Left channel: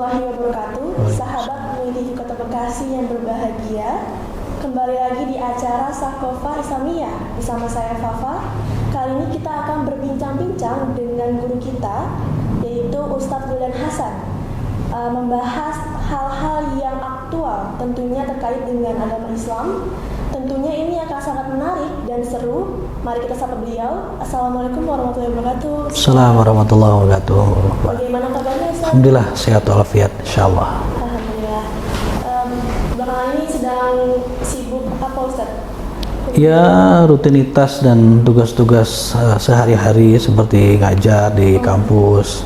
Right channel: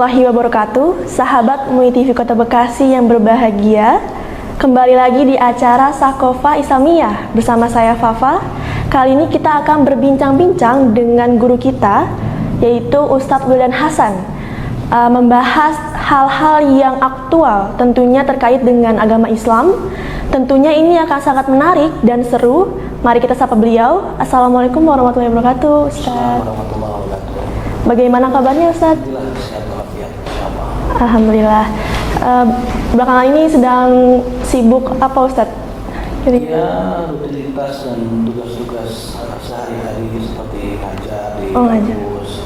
warahmatullahi wabarakatuh. Sahabat MUI TV Kota Bekasi yang berbahagia, kembali lagi di acara Sakofa Islamiyah bersama saya Fafa. Kali ini kita akan berbincang-bincang dengan guru kita, yaitu Ustadz Wildan Hasan, membahas hal-hal yang aktual tentunya terkait dengan agama Islam. Tentunya ini akan sangat menarik dan seru. Mari kita sapa beliau. Assalamualaikum warahmatullahi wabarakatuh. Assalamualaikum warahmatullahi wabarakatuh. Bagaimana kabarnya Ustaz? Alhamdulillah sehat walafiat, insyaallah. Alhamdulillah. Belakangan ini sedang sibuk apa Ustaz? Ya, rutinitas dan tugas-tugas sehari-hari seperti ngajar di kampus,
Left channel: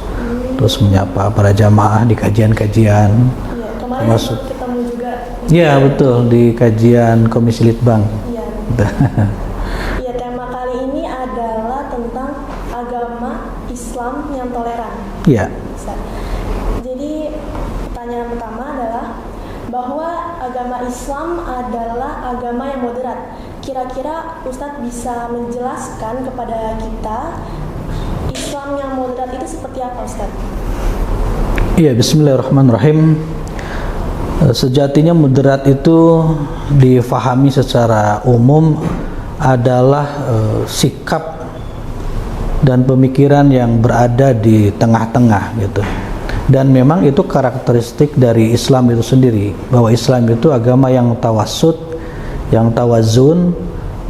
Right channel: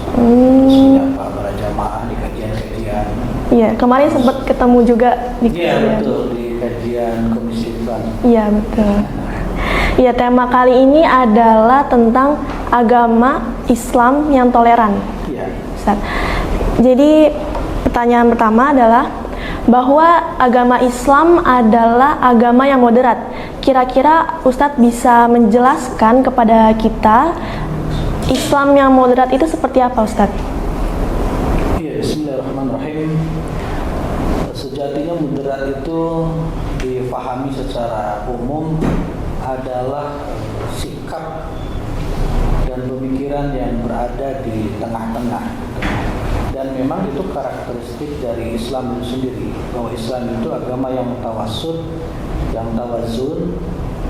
terus menyapa para jamaah di kajian-kajian. Iya, kemarin sempat ketemu juga di Iya, betul, di kajian Komisi Litbang. Iya, betul. Iya, tema kali ini adalah tentang agama Islam yang toleran. Iya. Ustaz. Jadi, pertanyaan pertama adalah bahwa agama Islam adalah agama yang moderat. Kira-kira Ustadz bisa menjelaskan kepada kita Islam yang moderat itu seperti apa Ustadz? Iya, bismillahirrahmanirrahim. Sejatinya moderat itu difahami secara umum adalah sikap dan pemikiran yang berada di tengah-tengah gitu. Dan memang itu karakteristik dari Islam itu sendiri, bahwa Islam itu agama yang tawassut, yang tawazun,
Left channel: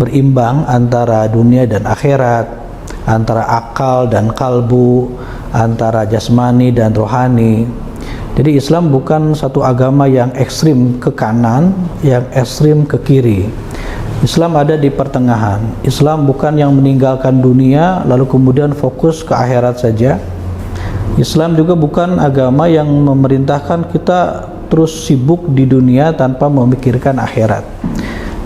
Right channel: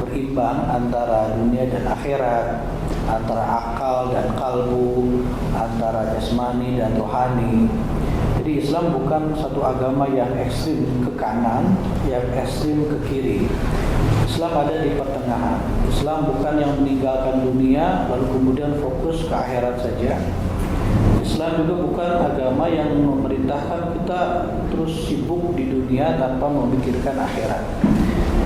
berimbang antara dunia dan akhirat, antara akal dan kalbu, antara jasmani dan rohani. Jadi Islam bukan satu agama yang ekstrim ke kanan, yang ekstrim ke kiri. Islam ada di pertengahan. Islam bukan yang meninggalkan dunia lalu kemudian fokus ke akhirat saja. Islam juga bukan agama yang memerintahkan kita terus sibuk di dunia tanpa memikirkan akhirat.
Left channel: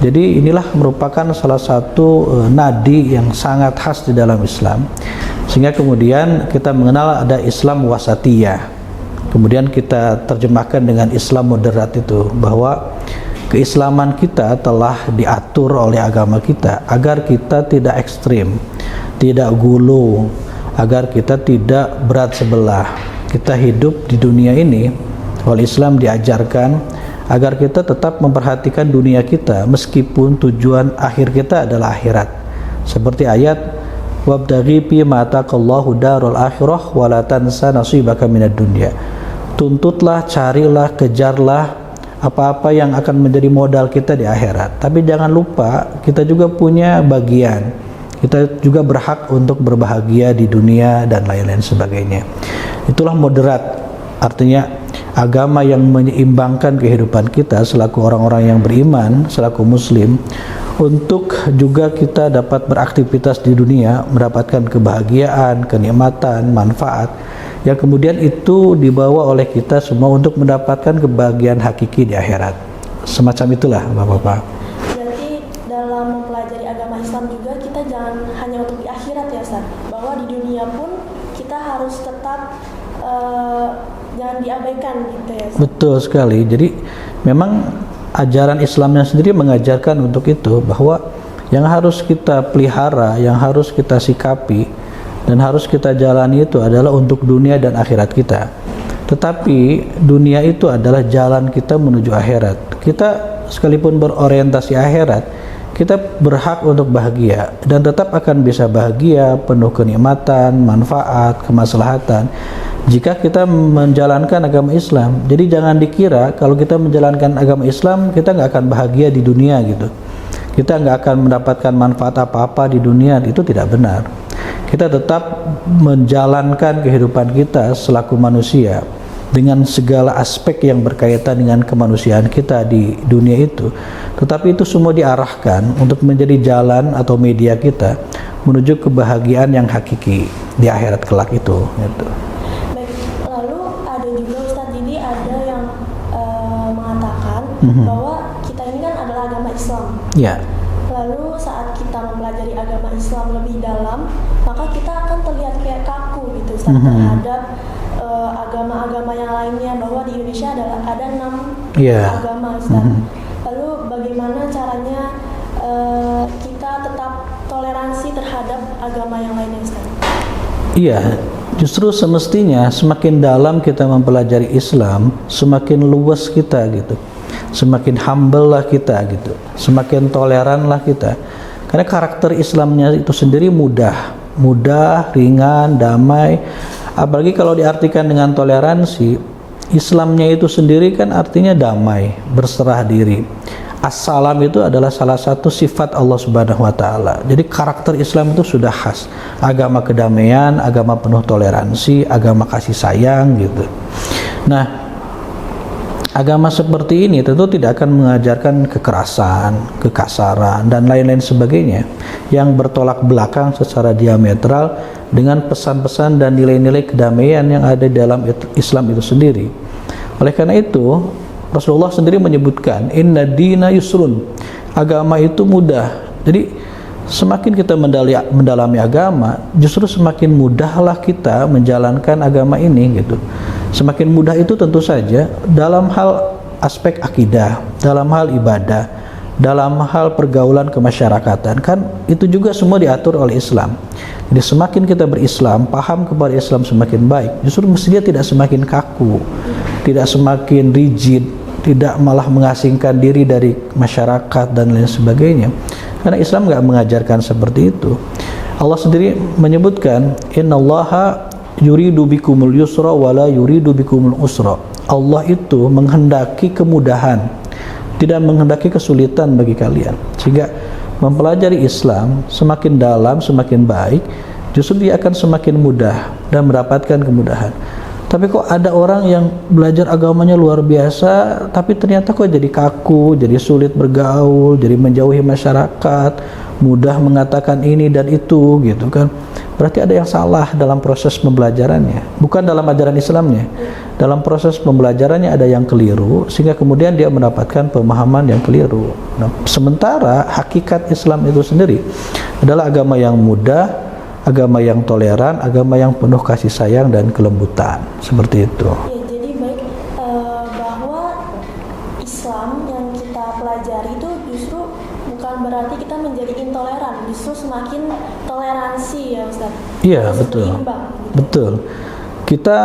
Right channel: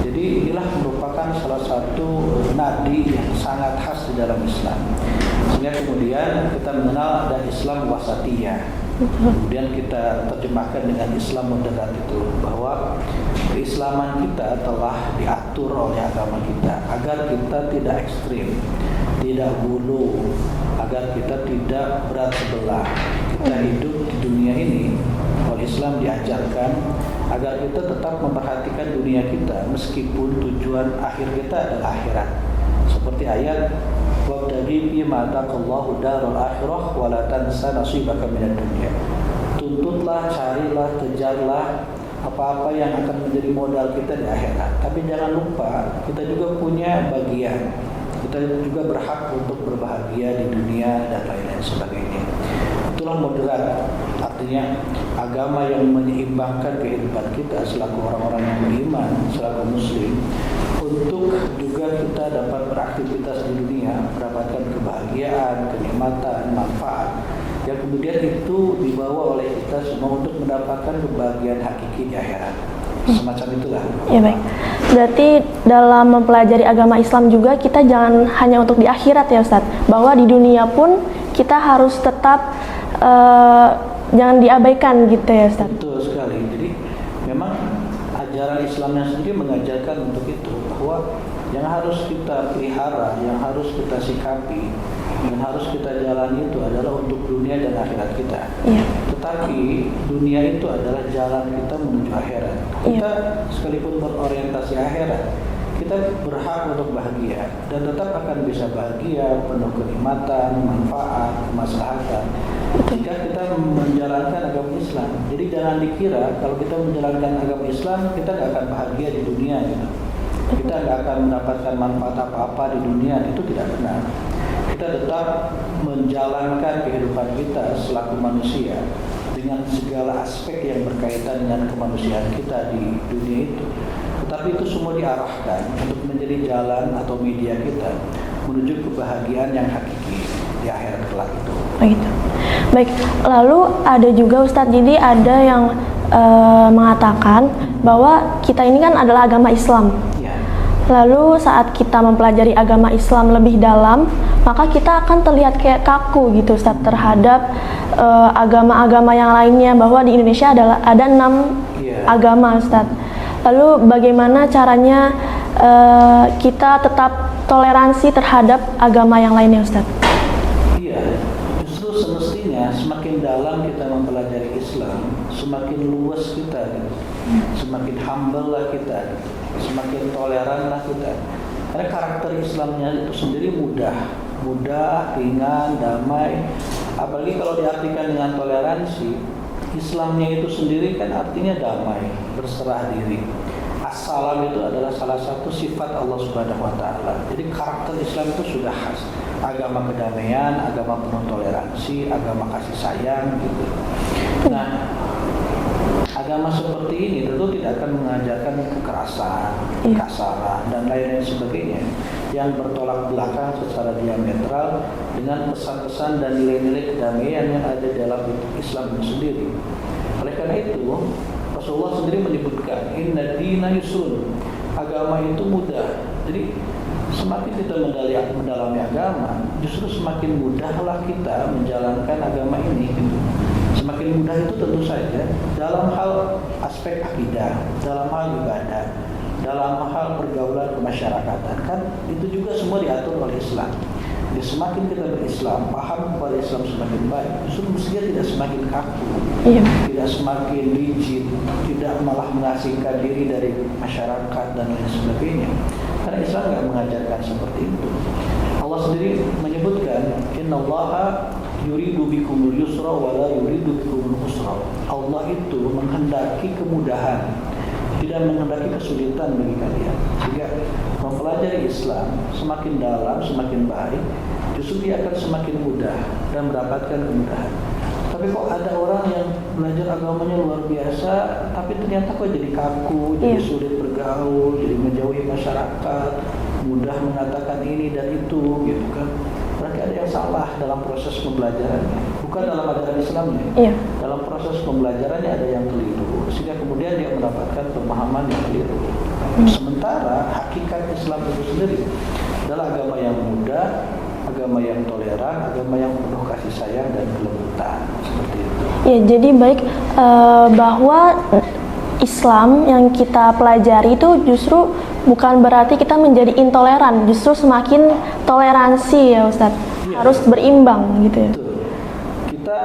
Jadi inilah merupakan salah satu nadi yang sangat khas di dalam Islam. Sehingga kemudian kita mengenal ada Islam wasatiyah. Kemudian kita terjemahkan dengan Islam moderat itu, bahwa keislaman kita telah diatur oleh agama kita agar kita tidak ekstrim, tidak gulu, agar kita tidak berat sebelah. Kita hidup di dunia ini, oleh Islam diajarkan agar kita tetap memperhatikan dunia kita meskipun tujuan akhir kita adalah akhirat. Seperti ayat wabtaghi fi ma ataqallahu darul akhirah wa la tansa nasibaka minad dunya. Tuntutlah, carilah, kejarlah apa-apa yang akan menjadi modal kita di akhirat. Tapi jangan lupa kita juga punya bagian. Kita juga berhak untuk berbahagia di dunia dan lain-lain sebagainya. Itulah moderat, artinya agama yang menyeimbangkan kehidupan kita selaku orang-orang yang beriman, selaku muslim, untuk juga kita dapat beraktivitas di dunia, mendapatkan kebahagiaan, kenikmatan, manfaat, yang kemudian itu dibawa oleh kita semua untuk mendapatkan kebahagiaan hakiki di akhirat. Semacam itulah Bapak-Bapak. Ya, berarti dalam mempelajari agama Islam juga kita jangan hanya untuk di akhirat ya Ustadz, bahwa di dunia pun kita harus tetap jangan diabaikan gitu ya Ustadz. Betul sekali. Jadi memang ajaran Islamnya sendiri mengajarkan untuk itu, bahwa yang harus kita pelihara, yang harus kita sikapi dan harus kita jalani itu adalah untuk dunia dan akhirat kita. Ya. Tetapi dunia itu adalah jalan kita menuju akhirat. Kita sekalipun berorientasi akhirat, kita berhak untuk bahagia dan tetap akan bisa bahagia, penuh kenikmatan, manfaat, kemaslahatan jika kita menjalankan agama Islam. Jadi jangan dikira kalau kita menjalankan agama Islam kita nggak akan bahagia di dunia gitu. Kita nggak akan mendapatkan manfaat apa-apa di dunia, itu tidak benar. Kita tetap menjalankan kehidupan kita selaku manusia dengan segala aspek yang berkaitan dengan kemanusiaan kita di dunia itu. Tetapi itu semua diarahkan untuk menjadi jalan atau media kita menuju kebahagiaan yang hakiki di akhirat kelak itu. Begitu. Baik, lalu ada juga Ustadz, jadi ada yang mengatakan bahwa kita ini kan adalah agama Islam. Ya. Lalu saat kita mempelajari agama Islam lebih dalam, maka kita akan terlihat kayak kaku gitu Ustaz, terhadap agama-agama yang lainnya, bahwa di Indonesia ada 6 agama Ustaz. Lalu bagaimana caranya kita tetap toleransi terhadap agama yang lainnya Ustaz? Iya, Justru semestinya semakin dalam kita mempelajari Islam, semakin luas kita gitu, semakin humble lah kita gitu, semakin toleran lah kita. Karena karakter Islamnya itu sendiri mudah, ringan, damai. Apalagi kalau diartikan dengan toleransi, Islamnya itu sendiri kan artinya damai, berserah diri. Assalam itu adalah salah satu sifat Allah Subhanahu wa taala. Jadi karakter Islam itu sudah khas. Agama kedamaian, agama penuh toleransi, agama kasih sayang gitu. Nah, agama seperti ini tentu tidak akan mengajarkan kekerasan, kekasaran dan lain-lain sebagainya yang bertolak belakang secara diametral dengan pesan-pesan dan nilai-nilai kedamaian yang ada dalam Islam itu sendiri. Oleh karena itu, Rasulullah sendiri menyebutkan inna dina yusrun, agama itu mudah. Jadi semakin kita mendalami agama, justru semakin mudahlah kita menjalankan agama ini gitu. Semakin mudah itu tentu saja dalam hal aspek akidah, dalam hal ibadah, dalam hal pergaulan kemasyarakatan, kan itu juga semua diatur oleh Islam. Jadi semakin kita berislam, paham kepada Islam semakin baik, justru mestinya tidak semakin kaku, tidak semakin rigid, tidak malah mengasingkan diri dari masyarakat dan lain sebagainya. Karena Islam nggak mengajarkan seperti itu. Allah sendiri menyebutkan, innallaha yuridu bikumul yusra wala yuridu bikumul usra. Allah itu menghendaki kemudahan, tidak menghendaki kesulitan bagi kalian. Sehingga mempelajari Islam semakin dalam, semakin baik, justru dia akan semakin mudah dan mendapatkan kemudahan. Tapi kok ada orang yang belajar agamanya luar biasa, tapi ternyata kok jadi kaku, jadi sulit bergaul, jadi menjauhi masyarakat, mudah mengatakan ini dan itu gitu kan. Berarti ada yang salah dalam proses pembelajarannya, bukan dalam ajaran Islamnya. Dalam proses pembelajarannya ada yang keliru, sehingga kemudian dia mendapatkan pemahaman yang keliru. Nah, sementara hakikat Islam itu sendiri adalah agama yang mudah, agama yang toleran, agama yang penuh kasih sayang dan kelembutan, seperti itu. Ya, jadi baik bahwa Islam yang kita pelajari itu justru bukan berarti kita menjadi intoleran, justru semakin toleransi ya Ustaz. Iya, harus betul. Berimbang gitu. Betul. Kita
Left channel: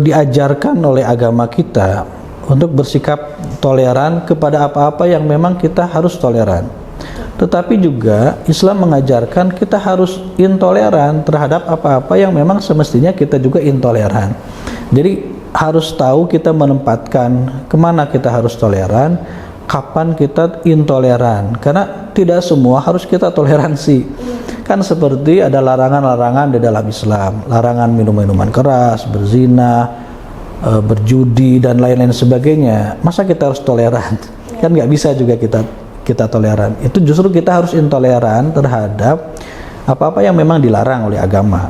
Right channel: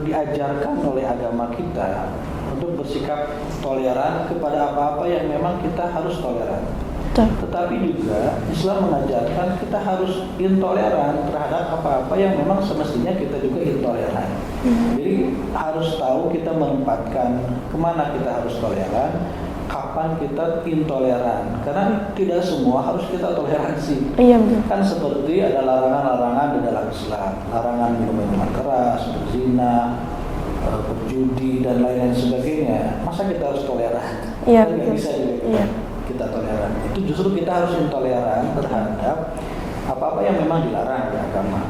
diajarkan oleh agama kita untuk bersikap toleran kepada apa-apa yang memang kita harus toleran. Betul. Tetapi juga Islam mengajarkan kita harus intoleran terhadap apa-apa yang memang semestinya kita juga intoleran. Jadi harus tahu kita menempatkan kemana kita harus toleran, kapan kita intoleran. Karena tidak semua harus kita toleransi. Kan seperti ada larangan-larangan di dalam Islam, larangan minum-minuman keras, berzina, berjudi dan lain-lain sebagainya. Masa kita harus toleran? Kan nggak bisa juga kita toleran. Itu justru kita harus intoleran terhadap apa-apa yang memang dilarang oleh agama.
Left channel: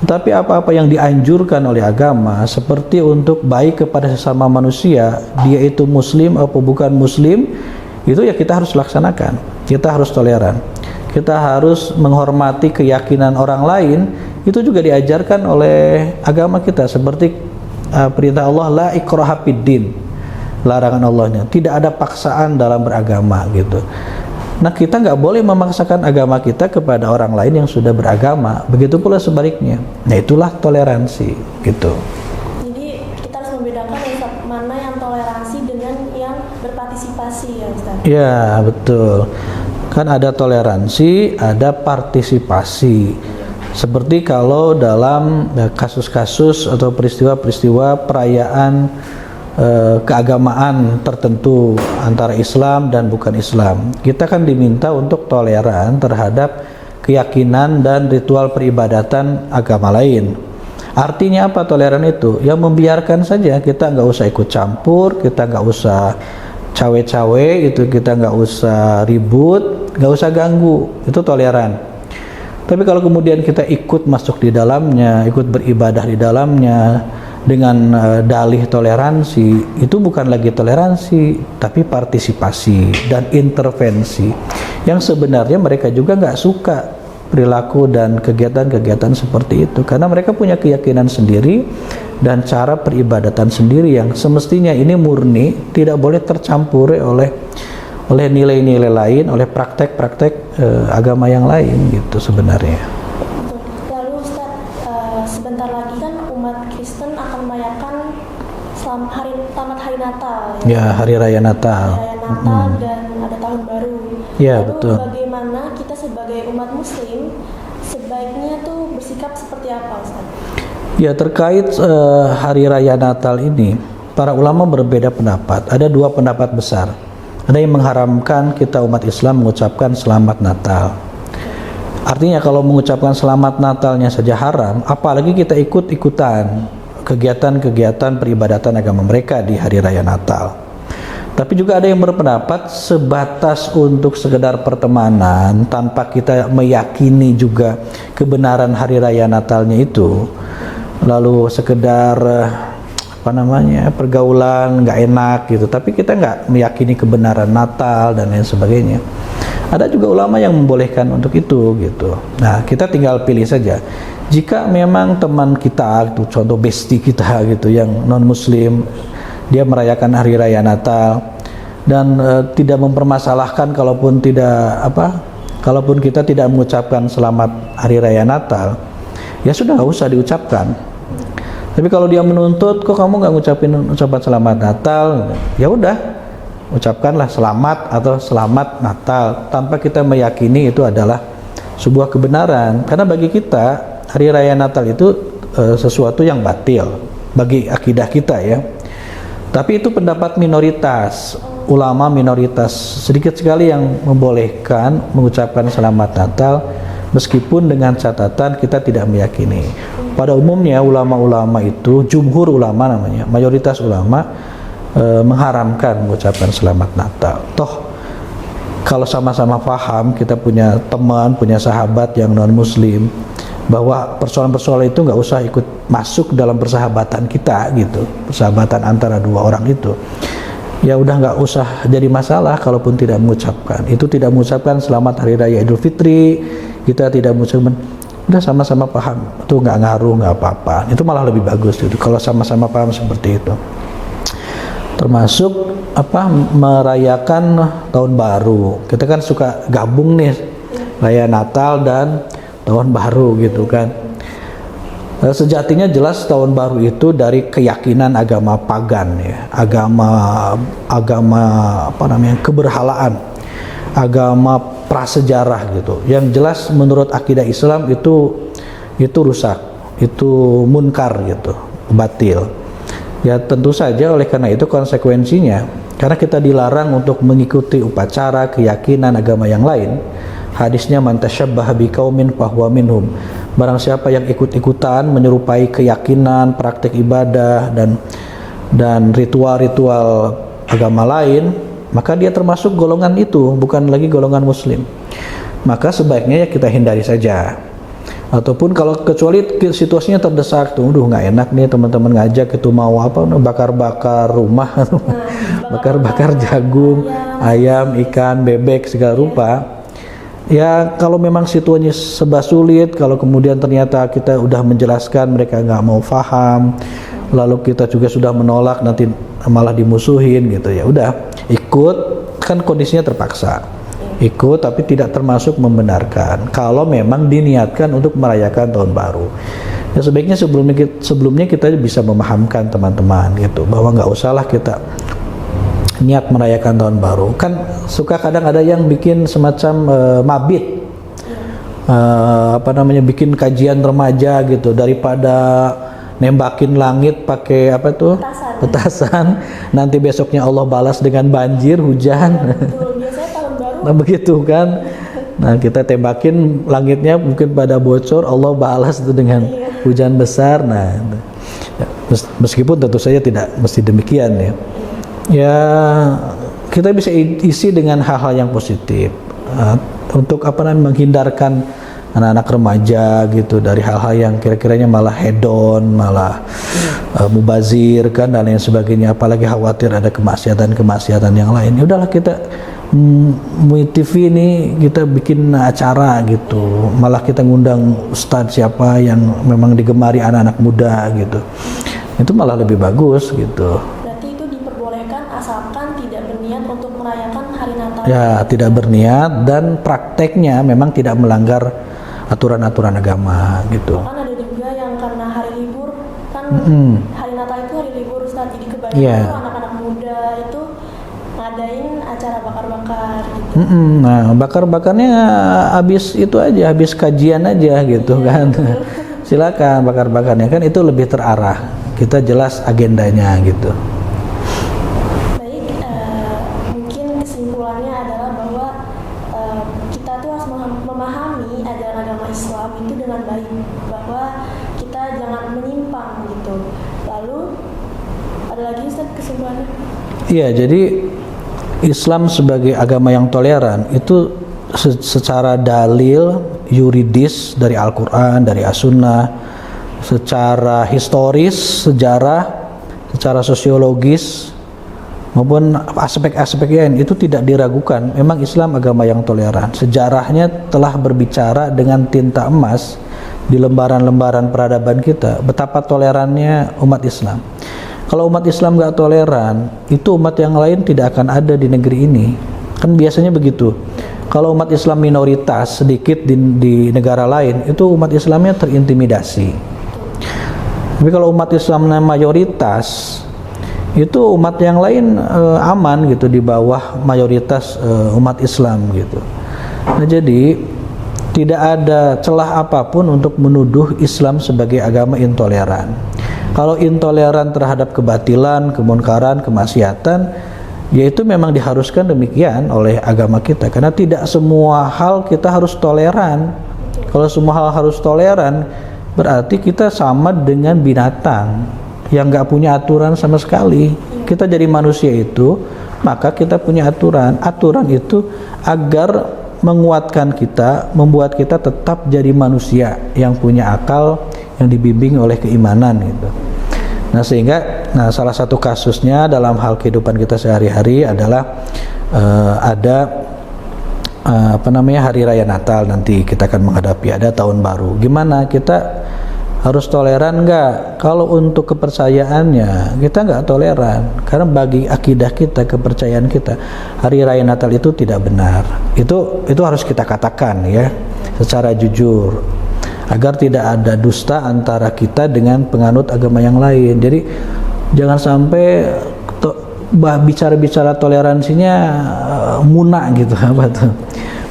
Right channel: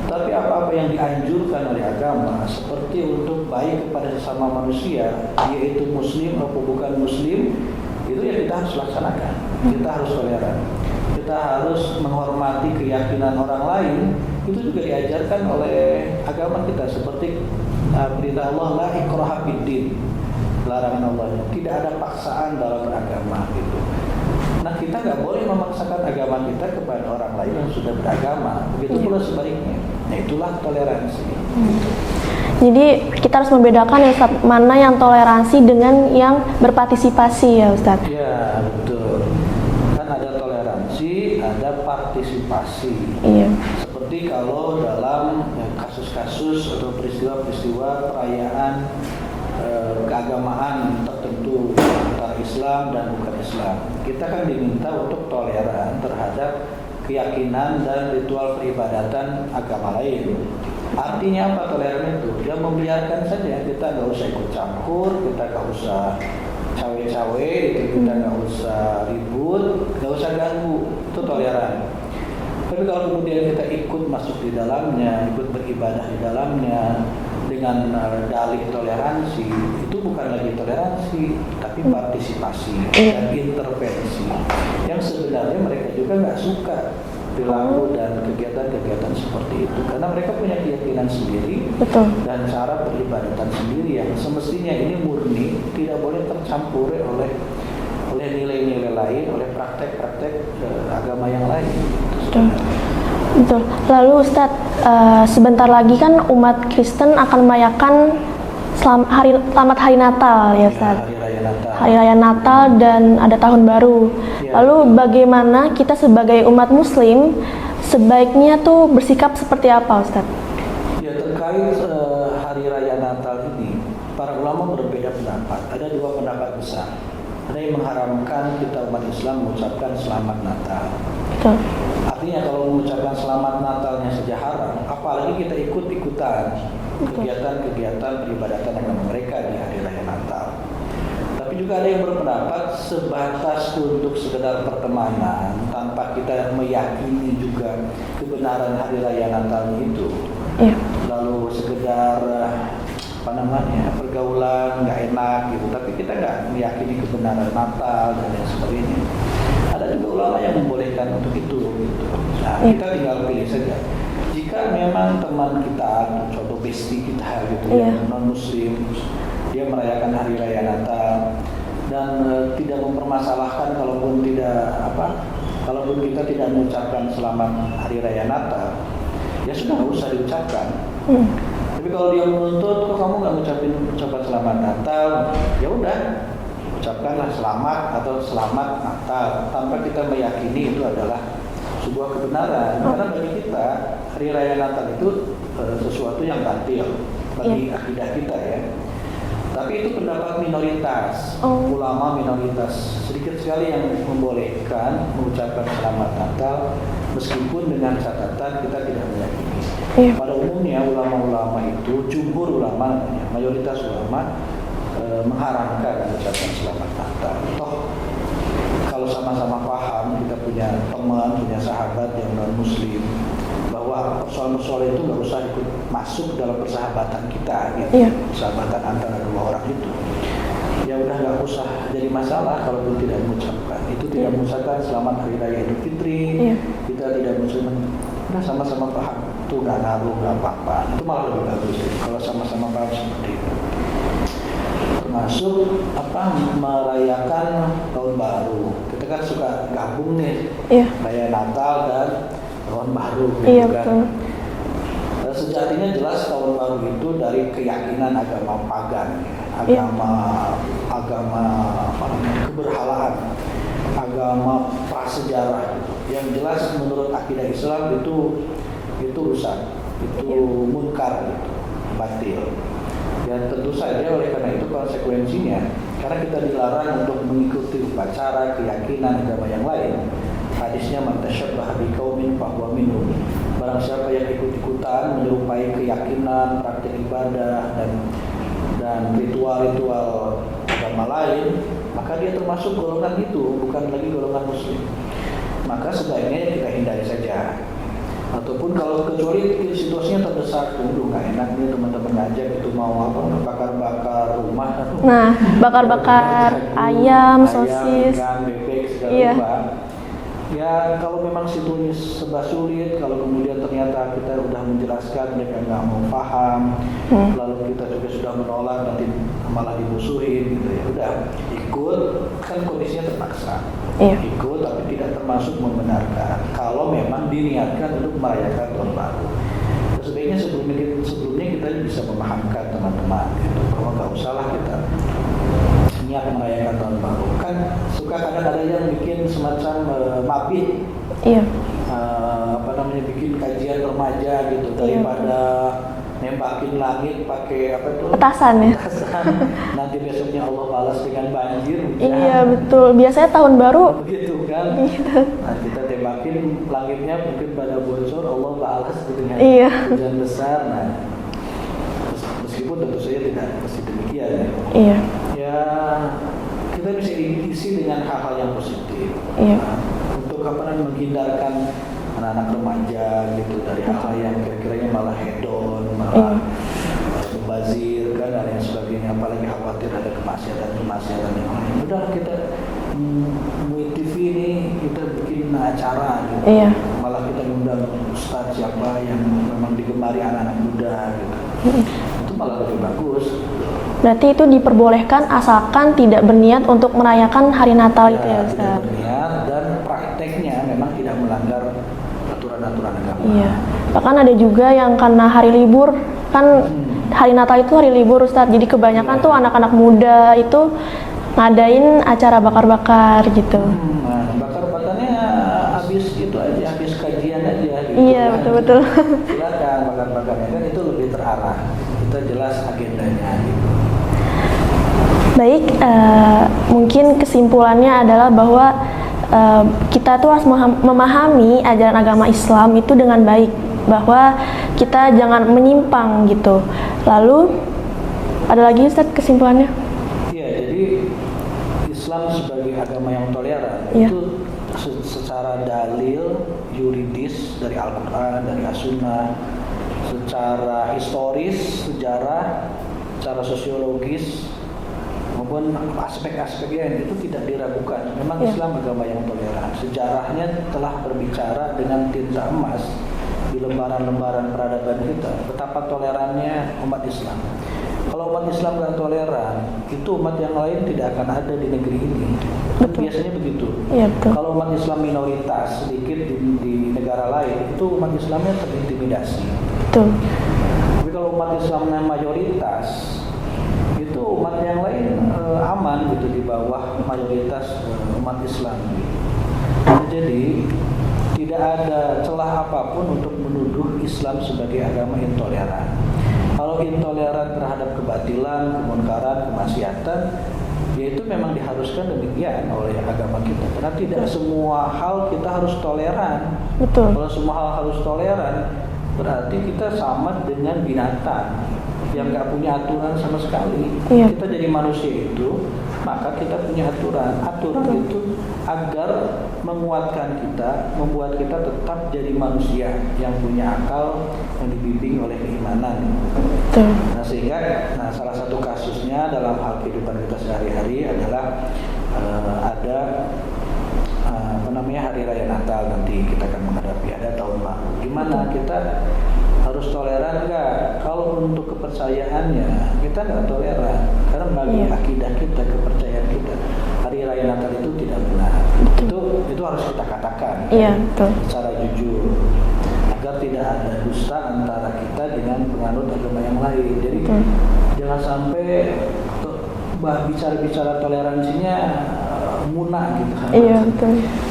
Tapi apa-apa yang dianjurkan oleh agama, seperti untuk baik kepada sesama manusia, dia itu muslim atau bukan muslim, itu ya kita harus laksanakan. Kita harus toleran. Kita harus menghormati keyakinan orang lain, itu juga diajarkan oleh agama kita, seperti perintah Allah la ikraha fid din. Larangan Allahnya, tidak ada paksaan dalam beragama gitu. Nah, kita nggak boleh memaksakan agama kita kepada orang lain yang sudah beragama. Begitu pula sebaliknya. Nah, itulah toleransi gitu. Jadi kita harus membedakan ya Ustaz, mana yang toleransi dengan yang berpartisipasi ya Ustaz. Ya, betul. Kan ada toleransi, ada partisipasi. Seperti kalau dalam kasus-kasus atau peristiwa-peristiwa perayaan keagamaan tertentu antara Islam dan bukan Islam, kita kan diminta untuk toleran terhadap keyakinan dan ritual peribadatan agama lain. Artinya apa toleran itu? Ya membiarkan saja, kita nggak usah ikut campur, kita nggak usah cawe-cawe, itu kita nggak usah ribut, nggak usah ganggu, itu toleran. Tapi kalau kemudian kita ikut masuk di dalamnya, ikut beribadah di dalamnya dengan dalih toleransi, itu bukan lagi toleransi, tapi partisipasi dan intervensi yang sebenarnya mereka juga nggak suka perilaku dan kegiatan-kegiatan seperti itu, karena mereka punya keyakinan sendiri. Dan cara peribadatan sendiri yang semestinya ini murni, tidak boleh tercampuri oleh nilai-nilai lain, oleh praktek-praktek agama yang lain gitu sebenarnya. Betul. Lalu Ustadz, sebentar lagi kan umat Kristen akan merayakan selamat hari Natal ya, Ya, Ustadz? hari raya Natal. Hari raya Natal dan ada tahun baru. Ya, Lalu betul. bagaimana kita sebagai umat Muslim sebaiknya tuh bersikap seperti apa, Ustadz? Ya, terkait hari raya Natal ini, para ulama berbeda pendapat. Ada dua pendapat besar. Ada yang mengharamkan kita umat Islam mengucapkan selamat Natal. Betul. Artinya kalau mengucapkan selamat Natalnya saja haram, apalagi kita ikut-ikutan kegiatan-kegiatan peribadatan agama mereka di hari raya Natal. Tapi juga ada yang berpendapat sebatas untuk sekedar pertemanan tanpa kita meyakini juga kebenaran hari raya Natalnya itu. Lalu sekedar pergaulan nggak enak gitu, tapi kita nggak meyakini kebenaran Natal dan lain sebagainya. Ada juga ulama yang membolehkan untuk itu gitu. Nah, kita tinggal pilih saja. Jika memang teman kita itu contoh bestie kita gitu yang non muslim, dia merayakan hari raya Natal dan tidak mempermasalahkan kalaupun kita tidak mengucapkan selamat hari raya Natal, ya sudah nggak usah diucapkan. Tapi kalau dia menuntut, kok kamu nggak ngucapin ucapan selamat Natal, ya udah ucapkanlah selamat atau selamat Natal tanpa kita meyakini itu adalah sebuah kebenaran. Karena bagi kita hari raya Natal itu sesuatu yang batil bagi akidah kita ya. Tapi itu pendapat minoritas, ulama minoritas. Sedikit sekali yang membolehkan mengucapkan selamat Natal meskipun dengan catatan kita tidak meyakini. Pada umumnya ulama-ulama itu, jumhur ulama namanya, mayoritas ulama mengharamkan mengucapkan selamat Natal. Toh kalau sama-sama paham, kita punya teman, punya sahabat yang non muslim, bahwa persoalan-persoalan itu nggak usah ikut masuk dalam persahabatan kita gitu, persahabatan antara dua orang itu, ya udah nggak usah jadi masalah kalaupun tidak mengucapkan. Itu tidak mengucapkan selamat hari raya Idul Fitri, kita tidak mengucapkan, udah sama-sama paham, itu nggak ngaruh, nggak apa-apa. Itu malah lebih bagus gitu kalau sama-sama paham seperti itu. Termasuk merayakan tahun baru. Kita kan suka gabung nih, raya Natal dan tahun baru gitu kan. Sejatinya jelas tahun baru itu dari keyakinan agama pagan ya, agama keberhalaan, agama prasejarah gitu. Yang jelas menurut akidah Islam itu rusak, itu munkar gitu, batil. Ya tentu saja oleh karena itu konsekuensinya, karena kita dilarang untuk mengikuti upacara keyakinan agama yang lain. Hadisnya man tasyabbaha biqaumin fahuwa minhum. Barang siapa yang ikut-ikutan menyerupai keyakinan, praktik ibadah dan ritual-ritual agama lain, maka dia termasuk golongan itu, bukan lagi golongan muslim. Maka sebaiknya ya kita hindari saja. Ataupun kalau kecuali situasinya terdesak tuh, nggak enak nih teman-teman ngajak itu mau bakar-bakar rumah, bakar-bakar jagung, ayam, ikan, bebek segala rupa. Ya kalau memang situasinya serba sulit, kalau kemudian ternyata kita udah menjelaskan mereka nggak mau paham, lalu kita juga sudah menolak, nanti malah dimusuhin gitu, ya udah ikut, kan kondisinya terpaksa. Ikut tapi tidak termasuk membenarkan kalau memang diniatkan untuk merayakan tahun baru. Ya sebaiknya sebelumnya kita bisa memahamkan teman-teman gitu, bahwa nggak usahlah kita niat merayakan tahun baru. Kan suka kadang ada yang bikin semacam mabit, bikin kajian remaja gitu, daripada nembakin langit pakai petasan. Nanti besoknya Allah balas dengan banjir, hujan. Iya betul, biasanya tahun baru begitu kan. Nah kita tembakin langitnya mungkin pada bocor, Allah balas itu dengan hujan besar. Nah meskipun tentu saja tidak mesti demikian ya. Ya kita bisa isi dengan hal-hal yang positif. Untuk menghindarkan anak-anak remaja gitu dari hal-hal yang kira-kiranya malah hedon, malah mubazir kan dan lain sebagainya, apalagi khawatir ada kemaksiatan yang lain. Ya udahlah kita MUI TV ini kita bikin acara gitu, malah kita ngundang ustadz siapa yang memang digemari anak-anak muda gitu. Itu malah lebih bagus gitu. Berarti itu diperbolehkan asalkan tidak berniat untuk merayakan hari Natal. Ya, tidak berniat dan prakteknya memang tidak melanggar aturan-aturan agama gitu. Bahkan ada juga yang karena hari libur kan, hari Natal itu hari libur Ustadz, jadi kebanyakan tuh anak-anak muda itu ngadain acara bakar-bakar gitu. Nah, bakar-bakarnya habis itu aja, habis kajian aja gitu kan. Betul. Silakan bakar-bakarnya, kan itu lebih terarah. Kita jelas agendanya gitu. Baik, mungkin kesimpulannya adalah bahwa kita tuh harus memahami ajaran agama Islam itu dengan baik, bahwa kita jangan menyimpang gitu. Lalu ada lagi Ustadz kesimpulannya? Iya, jadi Islam sebagai agama yang toleran itu secara dalil yuridis dari Al-Quran, dari As-Sunnah, secara historis, sejarah, secara sosiologis, maupun aspek-aspek lain itu tidak diragukan. Memang Islam agama yang toleran. Sejarahnya telah berbicara dengan tinta emas di lembaran-lembaran peradaban kita betapa tolerannya umat Islam. Kalau umat Islam nggak toleran, itu umat yang lain tidak akan ada di negeri ini. Kan biasanya begitu. Kalau umat Islam minoritas sedikit di negara lain, itu umat Islamnya terintimidasi. Betul. Tapi kalau umat Islamnya mayoritas, itu umat yang lain aman gitu di bawah mayoritas umat Islam gitu. Nah, jadi tidak ada celah apapun untuk menuduh Islam sebagai agama intoleran. Kalau intoleran terhadap kebatilan, kemunkaran, kemaksiatan, yaitu memang diharuskan demikian oleh agama kita. Karena tidak semua hal kita harus toleran. Betul. Kalau semua hal harus toleran, berarti kita sama dengan binatang yang nggak punya aturan sama sekali. Kita jadi manusia itu, maka kita punya aturan. Aturan itu agar menguatkan kita, membuat kita tetap jadi manusia yang punya akal, yang dibimbing oleh keimanan gitu. Nah, sehingga salah satu kasusnya dalam hal kehidupan kita sehari-hari adalah ada hari raya Natal, nanti kita akan menghadapi, ada tahun baru. Gimana, kita harus toleran nggak? Kalau untuk kepercayaannya kita nggak toleran, karena bagi akidah kita, kepercayaan kita, hari raya Natal itu tidak benar. Itu harus kita katakan secara jujur, agar tidak ada dusta antara kita dengan penganut agama yang lain. Jadi jangan sampai bicara-bicara toleransinya munafik gitu,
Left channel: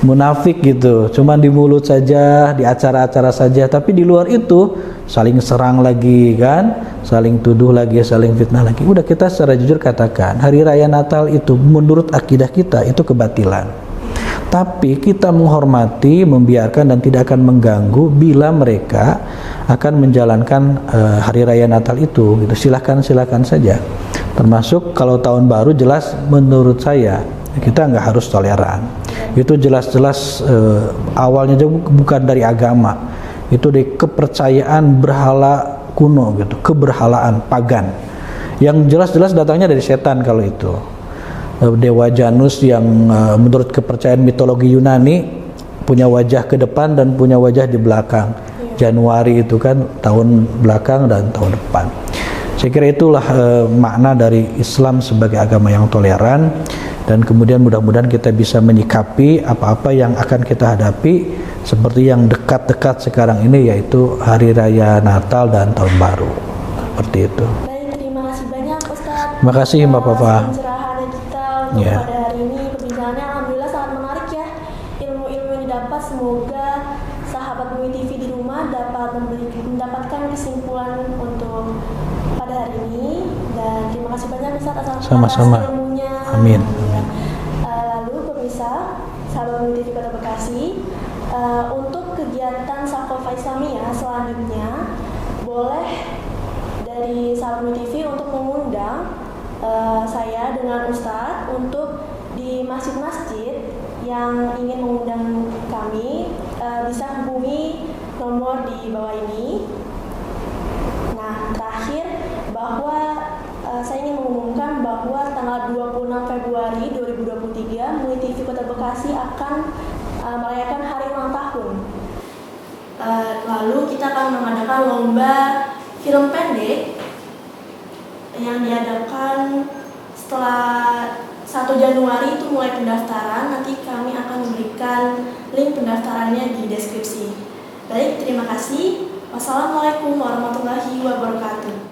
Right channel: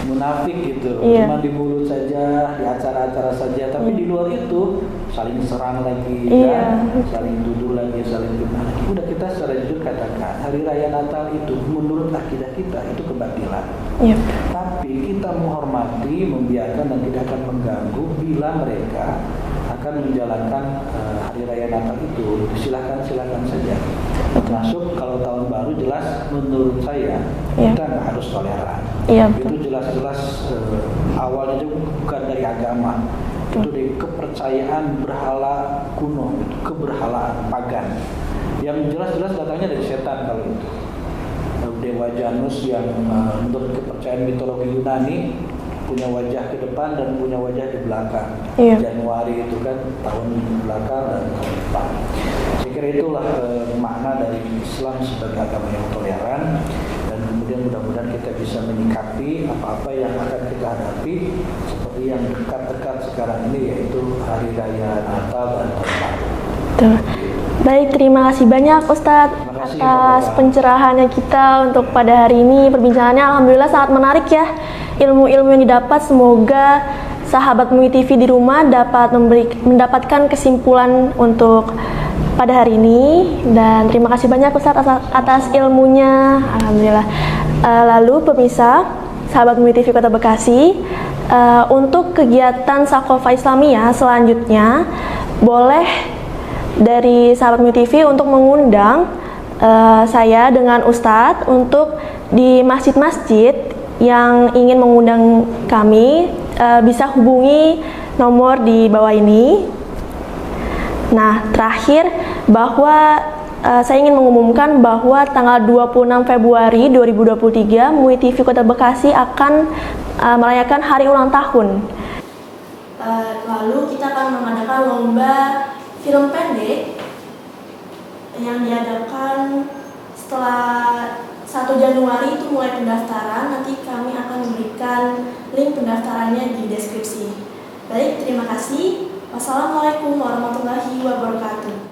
munafik gitu, cuman di mulut saja, di acara-acara saja, tapi di luar itu saling serang lagi kan, saling tuduh lagi, saling fitnah lagi. Udah, kita secara jujur katakan, hari raya Natal itu menurut akidah kita itu kebatilan. Tapi kita menghormati, membiarkan dan tidak akan mengganggu bila mereka akan menjalankan hari raya Natal itu. Silakan saja. Termasuk kalau tahun baru, jelas menurut saya kita nggak harus toleran. Itu jelas-jelas awalnya juga bukan dari agama, itu dari kepercayaan berhala kuno gitu, keberhalaan pagan yang jelas-jelas datangnya dari setan. Kalau itu Dewa Janus yang menurut kepercayaan mitologi Yunani punya wajah ke depan dan punya wajah di belakang. Januari itu kan tahun belakang dan tahun depan. Saya kira itulah makna dari Islam sebagai agama yang toleran, dan kemudian mudah-mudahan kita bisa menyikapi apa-apa yang akan kita hadapi seperti yang dekat-dekat sekarang ini, yaitu hari raya Natal dan tahun baru. Seperti itu. Baik, terima kasih banyak Ustadz. Terima kasih Mbak Fafa. Pencerahannya kita untuk pada hari ini, perbincangannya alhamdulillah sangat menarik ya. Ilmu-ilmu yang didapat, semoga sahabat MUI TV di rumah dapat mendapatkan kesimpulan untuk pada hari ini, dan terima kasih banyak Ustadz atas ilmunya. Amin. Alhamdulillah. Lalu pemirsa, sahabat MUI TV Kota Bekasi, untuk kegiatan Sakofa Islamiyah selanjutnya, boleh dari sahabat MUI TV untuk mengundang saya dengan Ustadz untuk di masjid-masjid yang ingin mengundang kami, bisa hubungi nomor di bawah ini. Nah, terakhir bahwa saya ingin mengumumkan bahwa tanggal 26 Februari 2023 MUI TV Kota Bekasi akan merayakan hari ulang tahun. Lalu kita akan mengadakan lomba film pendek yang diadakan setelah 1 Januari itu mulai pendaftaran. Nanti kami akan memberikan link pendaftarannya di deskripsi. Baik, terima kasih. Wassalamualaikum warahmatullahi wabarakatuh.